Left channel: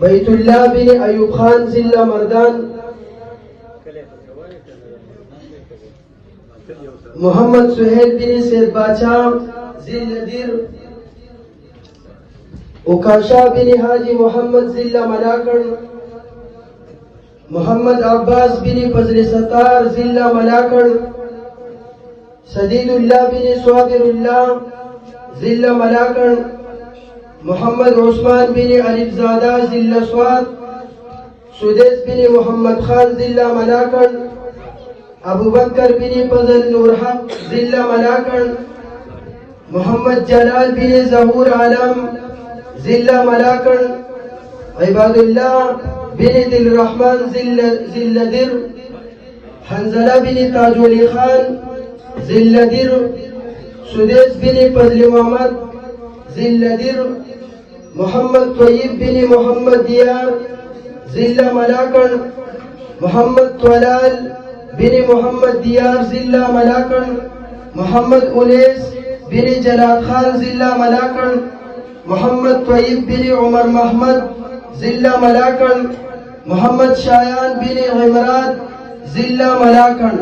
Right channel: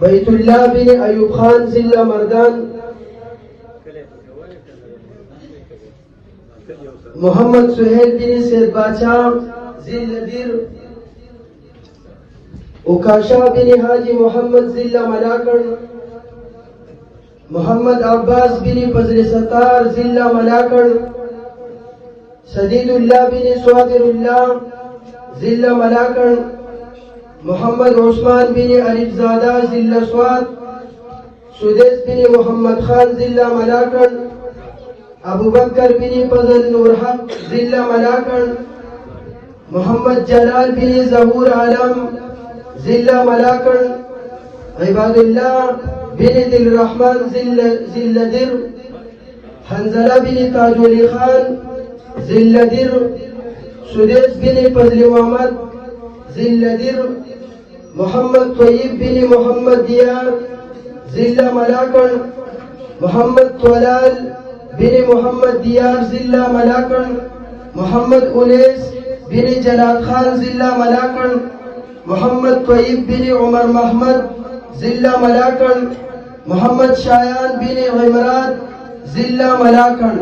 बैतुल्लाह बिन अयूब खान जिला मर्दान, मोहम्मद सुहेल बिन सैद बादशाह जिला नदीर, उकाशा बिन हाजी मोहम्मद जिला मलाकड़, मोहम्मद अब्बास बिन फजल सत्तार जिला मलाकड़, सदीदुल्लाह बिन स्वादिरुल्लाह जिला मलाकड़, मोहम्मद उस्मान बिन अलीजादा जिला स्वाद, सुदेश बिन मोहम्मद खान जिला मलाकड़, अबू बकर बिन फजल नूर हक जिला मलाकड़, मोहम्मद जलाल बिन जहूर आलम जिला मलाकड़, इबादुल्लाह बिन दिल रहमान जिला दिर, हंजला बिन ताजुल खान जिला दिर, सुदेश बिन फजल मोहम्मद जिला दिर, मोहम्मद तय्यब बिन मोहम्मद दियार जिला मलाकड़, मोहम्मद तलाल बिन मोहम्मद दियार जिला मलाकड़, मोहम्मद उनैस बिन जलाल खान जिला मलाकड़, मोहम्मद तय्यब बिन उमर महमद जिला मलाकड़, मोहम्मद शायान बिन इमरान जिला मलाकड़।